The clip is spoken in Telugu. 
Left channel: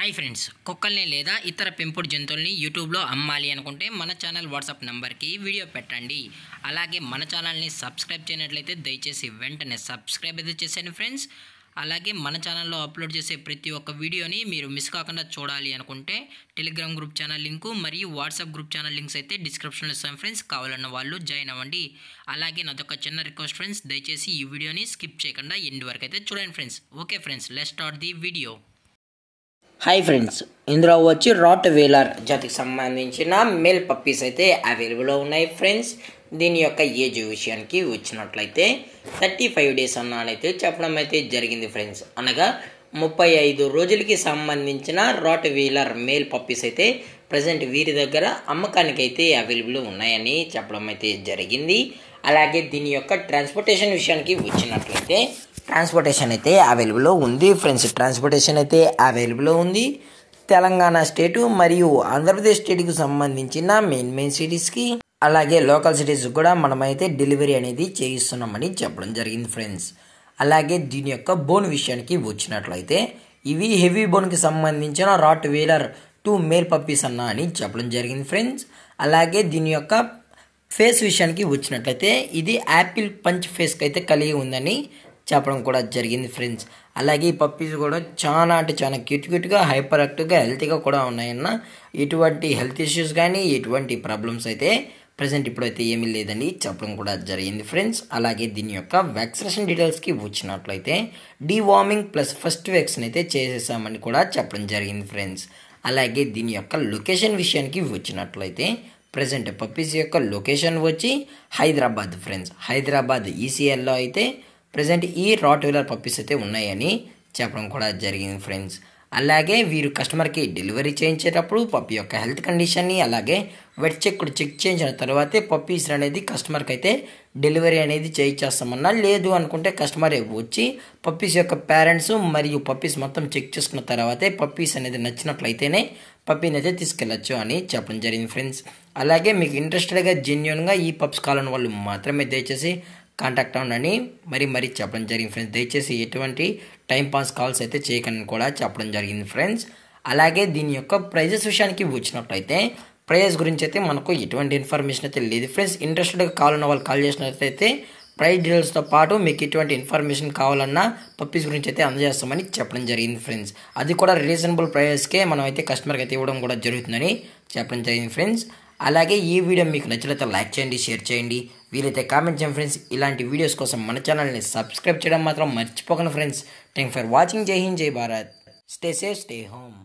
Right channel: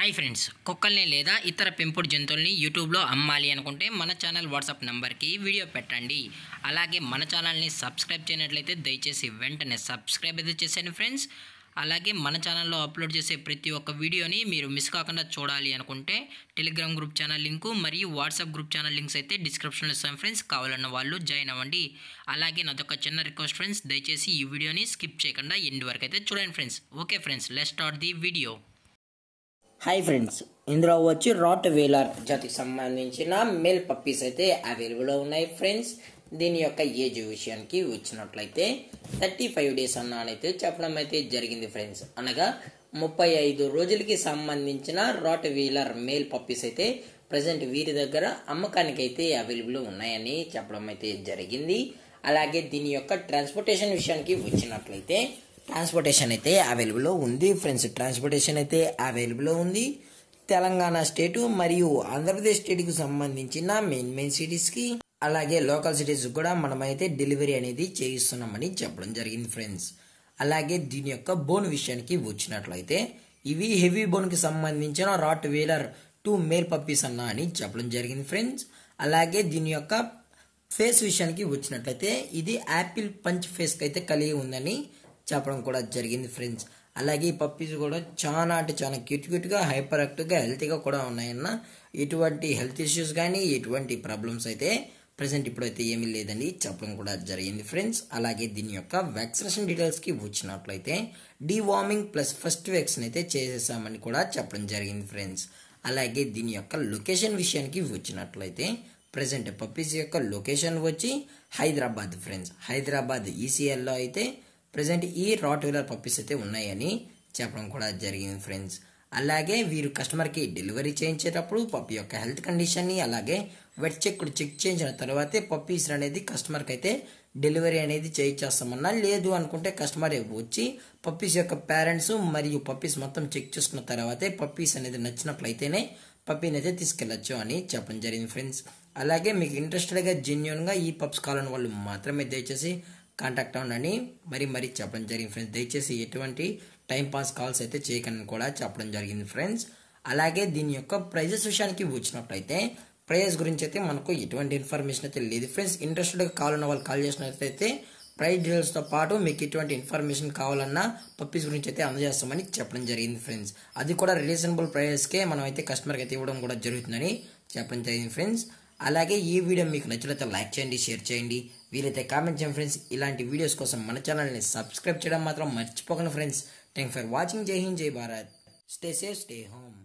హాయ్ ఫ్రెండ్స్, కుక్కల్ని లేదా ఇతర పెంపుడు జంతువుల్ని యూట్యూబ్లో అమ్మాలి అనుకుంటే మన ఛానల్ వాట్సాప్ నెంబర్కి వీడియో పెట్టండి. అలాగే మన ఛానల్ని సబ్స్క్రైబ్ చేయనట్లయితే దయచేసి వెంటనే సబ్స్క్రైబ్ అయితే చేసేయండి ఫ్రెండ్స్. అలాగే మన ఛానల్లో అప్లోడ్ చేసే ప్రతి ఒక్క వీడియోని మీరు మిస్ కాకుండా చూడాలి అనుకుంటే టెలిగ్రామ్ గ్రూప్ ఛానల్ లింకు మరియు వాట్సాప్ గ్రూప్ ఛానల్ లింక్స్ అయితే డిస్క్రిప్షన్లో ఇస్తాను ఫ్రెండ్స్. కావాలన్న వాళ్ళు జాయిన్ అవ్వండి. అలాగే నాదొక చిన్న రిక్వెస్ట్ ఫ్రెండ్స్, దయచేసి ఈ వీడియోని స్కిప్ చేయకుండా ఎండ్ వరకు అయితే చూడండి friends. Okay friends, let's start the video. Hi friends, ఇందులో వచ్చి రాట్ వీలర్ జాతికి సంబంధించిన మేల్ పప్పీస్ అయితే అవైలబుల్లో ఉన్నాయి ఫ్రెండ్స్. దీని యొక్క ఏజ్ విషయానికి వచ్చినట్లయితే 35 డేస్ అన్నానైతే చెప్పడం అయితే జరిగింది ఫ్రెండ్స్. అనగా 35 రోజులకి సంబంధించిన రాట్ వీలర్ మేల్ పప్పీస్ అయితే ప్రజెంట్ వీరి దగ్గర అమ్మకానికి అయితే అవైలబుల్ ఉన్నాయని చెప్పడం అయితే జరిగింది. అలాగే దీని యొక్క ట్రాన్స్పోర్టేషన్ విషయానికి వచ్చినట్లయితే ట్రాన్స్పోర్టేషన్ అయితే అవైలబుల్లో ఉంది ఫ్రెండ్స్. ట్రాన్స్పోర్టేషన్ అయితే అవైలబుల్లో ఉంది. తెలంగాణ స్టేటు మరియు ఆంధ్రప్రదేశ్ స్టేట్కి సంబంధించిన మెయిన్ సిటీస్కి అలాగే లోకల్ సిటీస్ కూడా మనమైతే డెలివరీ అనేది చేయిస్తున్నామని చెప్పడం జరిగింది ఫ్రెండ్స్. అలాగే దీని యొక్క బోన్ విషయానికి వచ్చినట్లయితే ఇవి హెవీ బోన్కి సంబంధించిన రాట్ వీలర్ 2 మేల్ పప్పీస్ అన్న అని చెప్పడం జరిగింది ఫ్రెండ్స్. అలాగే దీని యొక్క ఫేస్ విషయానికి వచ్చినట్లయితే ఇది యాపిల్ పంచ్ ఫేస్కి అయితే కలిగి ఉందని చెప్పడం కూడా జరిగింది ఫ్రెండ్స్. అలాగే ఈ పప్పీస్ కూడా చాలా అంటే చాలా క్యూట్గా హైపర్ యాక్టివ్గా హెల్తీగా కూడా ఉన్నాయన్న. ఎటువంటి హెల్త్ ఇష్యూస్ కానీ ఎటువంటి ప్రాబ్లమ్స్ అయితే ప్రజెంట్ ఇప్పుడైతే ఏమీ లేదని చెప్పడం కూడా జరిగింది ఫ్రెండ్స్. అలాగే దీని యొక్క వ్యాక్సినేషన్ డీటెయిల్స్కి వచ్చినట్లయితే డీవార్మింగ్ ప్లస్ ఫస్ట్ వ్యాక్సిన్ అయితే చేసేసామని కూడా చెప్పడం జరిగింది ఫ్రెండ్స్. అలాగే దీని యొక్క లొకేషన్ విషయానికి వచ్చినట్లయితే ప్రజెంట్ పప్పీస్ యొక్క లొకేషన్ వచ్చి హైదరాబాద్ ఫ్రెండ్స్. హైదరాబాద్ ఈసీఎల్లో అయితే ప్రజెంట్ ఈ రాట్ వీలర్ పప్పీస్ అయితే ఉన్నాయని చెప్పడం కూడా జరిగింది ఫ్రెండ్స్. అలాగే వీరు కస్టమర్కి డెలివరీ చేయించేటప్పుడు పప్పీ యొక్క హెల్త్ కండిషన్ని అలాగే వెట్ చెక్ చేయించిన తర్వాతే పప్పీస్ అనేది కస్టమర్కి అయితే డెలివరీ అనేది చేయించేస్తామన్నా. లేదు అనుకుంటే కస్టమర్ వచ్చి పప్పీస్ యొక్క పేరెంట్స్ మరియు పప్పీస్ మొత్తం చెక్ చేసుకున్న తర్వాతే పప్పీస్ అనేది నచ్చినట్లయితేనే పప్పీని అయితే తీసుకెళ్ళచ్చు అని చెప్పడం జరిగింది ఫ్రెండ్స్. అలాగే మీకు ఇంట్రెస్టెడ్గా జెన్యున్గా ఈ పప్స్ కావాలని వాళ్ళు మాత్రమే దయచేసి కాంటాక్ట్ అవ్వండి మరీ చెప్పడం జరిగింది ఫ్రెండ్స్. దయచేసి ఎటువంటి టైంపాస్ కాల్స్ అయితే చేయకండి కూడా చెప్పడం జరిగింది ఫ్రెండ్స్. అలాగే దీని యొక్క ప్రైజెస్ విషయానికి వచ్చినట్లయితే ప్రైజెస్ గురించి అయితే మనకు ఎటువంటి ఇన్ఫర్మేషన్ అయితే లేదు ఫ్రెండ్స్. ఇంట్రెస్టెడ్గా కావాలన్న వాళ్ళు కాల్ చేసినట్లయితే ప్రైస్ డీటెయిల్స్తో పాటు మీకు ఎటువంటి ఇన్ఫర్మేషన్ కావాలన్నా పప్పీస్ గురించి అయితే అందజేస్తామని చెప్పడం జరిగింది ఫ్రెండ్స్. అది కూడా రీజనబుల్ ప్రైజెస్కే మనం అయితే కస్టమర్కి అయితే ఇవ్వడం కూడా జరుగుతుందని చెప్పడం జరిగింది ఫ్రెండ్స్. అలాగే ఈ వీడియో మీకు నచ్చినట్లయితే లైక్ చేయండి, షేర్ చేయండి, వీలైతే కామెంట్ చేయండి ఫ్రెండ్స్. ఇలాంటి వీడియోస్ కోసం మన ఛానల్ని సబ్స్క్రైబ్ చేయడం మాత్రం మర్చిపోకండి ఫ్రెండ్స్. Thank for watching. జై హింద్, జై Bharat. Stay safe, stay home.